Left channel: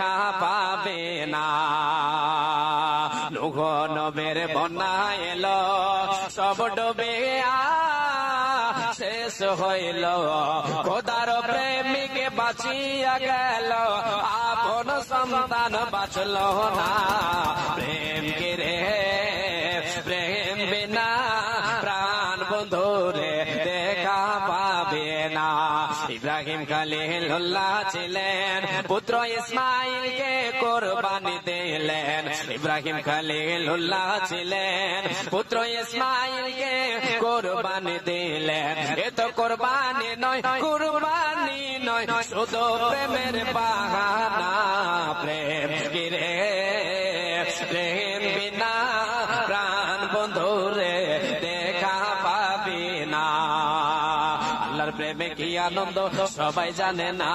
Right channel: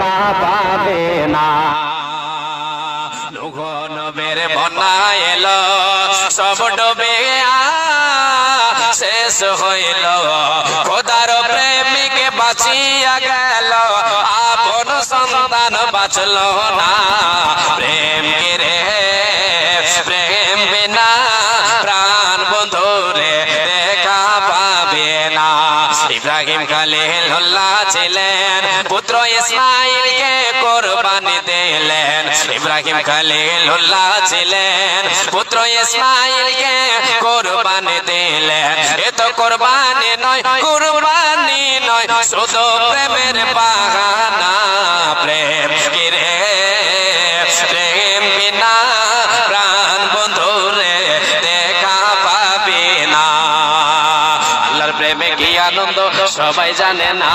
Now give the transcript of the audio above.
পাবে না। নূহ নবীর বন্যা এলো, সব ডুবে শেষ হইল, খোদার প্রেমিক বাঁচিয়া গেল, আপন সন্তান বাঁচল না। প্রেম রে প্রেম বিনা প্রাণ বন্ধু রে দেখা পাবে না। ইব্রাহিম খলিলুল্লাহ ছিলেন, পুত্র ইসমাইলকে কোরবানি দিলেন। ইব্রাহিম খলিলুল্লাহ ছিলেন, পুত্র ইসমাইলকে কোরবানি দিলেন। এ তো কোরবানি নয়, কুরবানি নয়, শুধু প্রেমের বাহানা। প্রেম রে প্রেম বিনা প্রাণ বন্ধু রে দেখা পাবে না। আল্লাহর প্রেমে কি আনন্দ সবাই জানে না।